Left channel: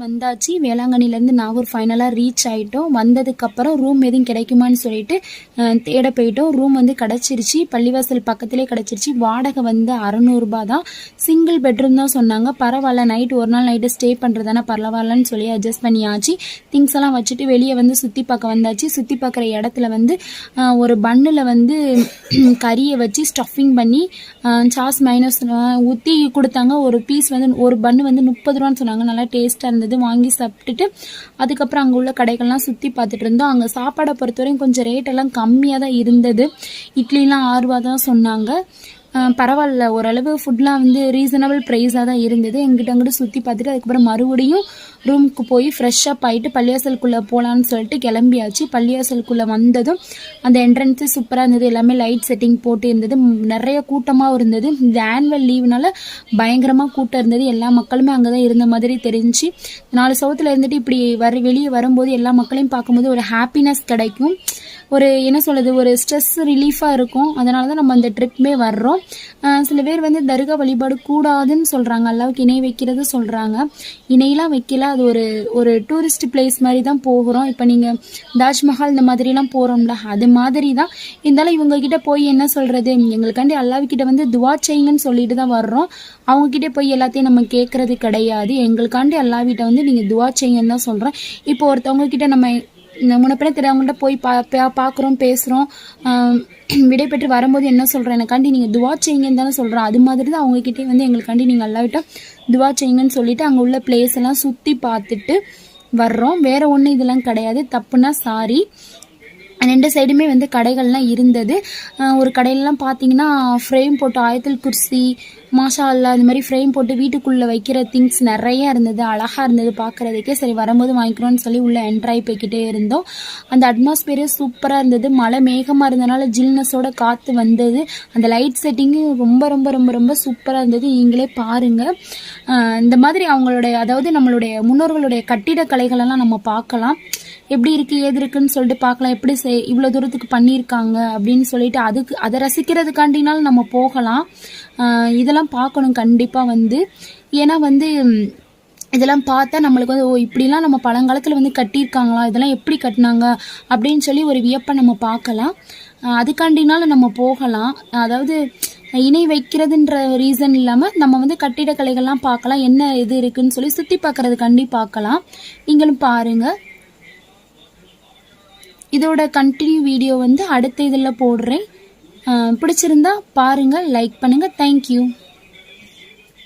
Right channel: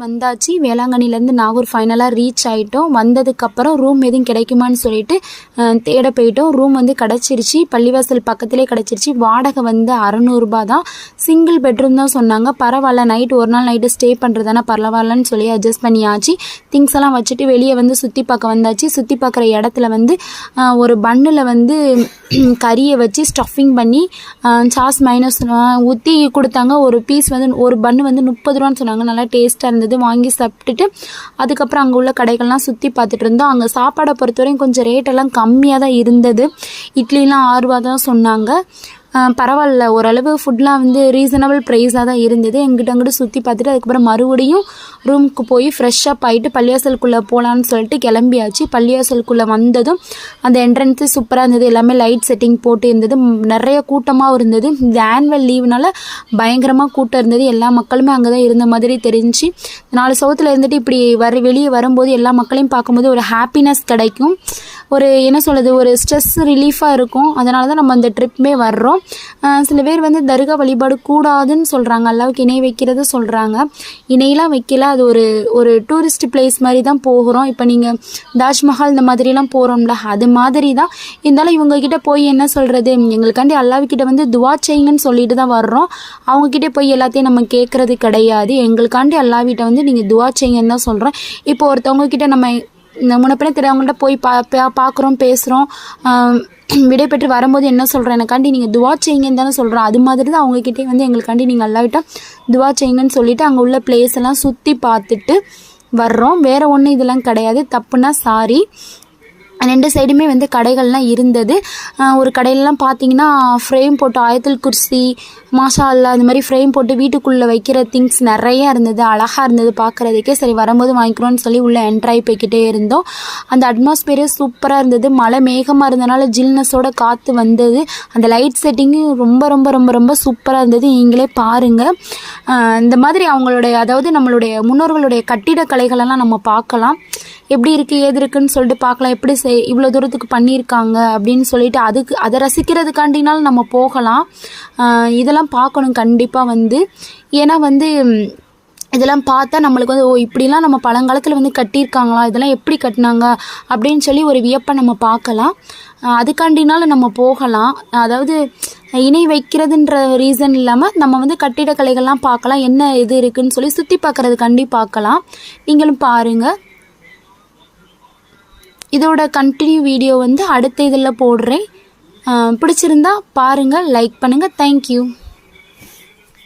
வந்தாச்சு. வேளாங்கண்ணிலேருந்து நாகூர் ஃபைனலாக ரீச் ஆகிட்டோம் வந்ததுக்கப்புறம் ரூம் எதுவும் கிடைக்குமான்னு சொல்லிட்டு தேட போயிட்டோம். ரூம் வந்து கிடச்சிருச்சு. பள்ளிவாசல் பக்கத்திலே கிடச்சிருச்சு. வாடகை வந்து அறநூறுபா தான். சிங்கிள் பெட்ரூம் தான் சொன்னாங்க. பரவாயில்ல நைட் ஒரு நாள் நைட்டு ஸ்டே பண்ணுறதானே பரவாயில்லன்னு சொல்லி அட்ஜஸ்ட் பண்ணியாச்சு. திங்ஸ் எல்லாம் வச்சுட்டு வெளியே வந்து சுற்றி பார்க்க வந்தாச்சு. சுற்றி பார்க்குற இடத்துல வந்து ஒரு பன்னில் வந்து கறியை வச்சு ஸ்டஃபிங் பண்ணி சாஸ் மைனஸ் ஊற்றி கொடுத்தாங்க. ஒரு பீஸ் வந்து ஒரு பன்னு வந்து முப்பது ரூபான்னு சொன்னாங்க. நல்லா டேஸ்ட்டாக இருந்தது. வாங்கி சாப்பிட்டுட்டு அதுக்கப்புறம் அங்கே உள்ள கடைகள்லாம் சுற்றி பார்த்துட்டு இருந்தோம். அங்கே சாப்பாடை பொறுத்தவரையும் கொஞ்சம் ரேட்டெல்லாம் கம்மியாக தான் இருந்தது. இட்லிலாம் ஆறுரூவா தான் சொன்னாங்க. பரவாயில்ல. ஓரளவு ஃபுட்லாம் வந்து ரீசனபிள் ப்ரைஸாக தான் இருந்தது. எங்கிட்ட அங்கிட்ட சுற்றி பார்த்துட்டு அதுக்கப்புறம் மறுபடியும் ரூமுக்கு போய் ஃப்ரெஷ்ஷப் ஆகிட்டு பள்ளியாசலுக்குள்ளே போகலான்னு சொல்லிட்டு கிளம்பியாச்சு. பள்ளியாசலுக்குள்ளே வந்ததும் அந்த என்ட்ரன்ஸு சூப்பராக இருந்தது. எல்லாமே லைட் செட்டிங் போட்டு இருந்தது. நிறைய கூட்டமாகவும் இருந்தது. இந்த ஆனுவல் லீவ்னால பயங்கரமாக கூட்டம் இருந்தது. எல்லா மக்களுமே அங்கே தான் இருந்த மாதிரி தெரிஞ்சு நாலு சவுத்தில் இருந்துட்டு இப்படி வர வெளியே வரும்போது எல்லா மக்களையும் பார்க்கும்போது ஒரு ஹாப்பினஸ் கிடைக்கும். ஒரு என்ன சொல்கிறது ஒரு ஸ்ட்ரெஸ் ரிலீஃபாக இருக்கும். அதனால தான் நம்ம அந்த ட்ரிப்புமே வர்றோம். சில பேர் வந்து தர்கா வழிபாடு கூடாதுன்னு சொல்கிறாங்க அல்லாவுக்கு இணை வைக்கிறத சொல்கிறாங்க இணையெல்லாம் வைக்கல. அது ஒரு ஒரு டூரிஸ்ட் பிளேஸ் மாதிரி தான் போகிறோம். இப்போ நீங்கள் தாஜ்மஹால் இந்த மாதிரிலாம் போகிறோம்ல அது மாதிரி தான் இருந்தாலும் இவங்கக்கிட்ட போய் என்ன சொல்கிறது எங்களுக்காண்டி அல்லாவுக்கிட்ட வந்து துவா செய்யுங்கன்னு சொல்லிட்டு தான் வர்றோம். அவங்கக்கிட்ட போய் எல்லாத்தையும் நம்ம கேட்குறது கிடையாது. எங்களுக்காண்டி அல்லாவிட்ட வந்து நீங்கள் துவா செய்யுங்கன்னு தான் சொல்கிறோம் இப்போ ஒருத்தவங்க கிட்ட நம்ம முன்னப்பின தெரியாதவங்கள்ட்ட போய் பா பா- பார்க்குறோம் பேசுகிறோம் விடை பெற்று வரும்போது என்ன சொல்கிறேன் எனக்காண்டி நீங்கள் துவா செய்யுங்கன்னு தானே சொல்கிறோம் அது மாதிரி தான் அவங்கக்கிட்டே வந்து எங்களுக்காண்டி நீங்கள் அல்லாவிட்ட துவா செய்யுங்கன்னு சொல்லிவிட்டு அங்கே உள்ள பிளேஸ் எல்லாம் சுற்றி பார்த்துட்டு வர்றோம். வேறு ஒன்றும் இதெல்லாம் கிடையாது. தப்புனா சாரி ரெண்டு சைடுமே வந்து கடைகள்லாம் இருந்தது. ஒரு கடையிலலாம் பார்த்தீங்கன்னா ஃப்ரேம் போட்டு ஆயத்தில் குர்சி மாஷா அந்த மாதிரி ஃப்ரேம் போட்டு வீட்டுக்குள்ளே வைக்கிற திங்ஸ் நிறைய இருந்தது. அழகாக இருந்தது பார்க்குறதுக்கே சரி வரும்போது வாங்கிக்கிறோன்னு சொல்லி உள்ளே என்ட்ராய் போய்கிட்டே இருந்தோம். அந்த அட்மாஸ்பியரே சூப்பராக இருந்தது. மழை மேகமாக இருந்தனால ஜில்னஸோட காற்று வந்தது. அந்த லைட் செட்டிங்கு ரொம்ப ரொம்ப ரொம்ப ரொம்ப சூப்பராக இருந்தது. நீங்களே பாருங்கள் இந்த மாதிரி அவங்களுடைய அதாவது நம்மளுடைய முன்னோர்களுடைய கட்டிடக்கலைகளெல்லாம் நம்ம பார்க்கலாம். எப்படி இருக்குது ஏது இருக்குன்னு சொல்லிட்டு பார்க்கலாம். எப்படி செய் இவ்வளோ தூரத்துக்கு பண்ணியிருக்காங்க அப்படின்னு சொல்லிட்டு அதுக்கு அதை ரசிக்கிறதுக்காண்டினாலும் நம்ம போகலாம். இதெல்லாம் பார்க்கணும் கண்டிப்பாக வந்து. ஏன்னா வந்து இதெல்லாம் பார்த்தா நம்மளுக்கு வந்து ஓ இப்படிலாம் நம்ம பழங்காலத்தில் வந்து கட்டியிருக்காங்களா இதெல்லாம் எப்படி கட்டினாங்க அப்படின்னு சொல்லி ஒரு வியப்பை நம்ம பார்க்கலாம். அதுக்காண்டினாலும் நம்ம போகலாம். அதாவது இணை வைக்கிறதுன்ற ரீசன் இல்லாமல் நம்ம வந்து கட்டிடக்கலைகள்லாம் பார்க்கலாம். என்ன இது இருக்குதுன்னு சொல்லி சுற்றி பார்க்குறதுக்காண்டி பார்க்கலாம். நீங்களும் பாருங்கள் இதோட கண்டினியூ வீடியோ வந்து அடுத்த இதில் போடுறேன். பிடிச்சிருந்தா பாருங்கள் லைக் பண்ணுங்கள் தேங்க்யூ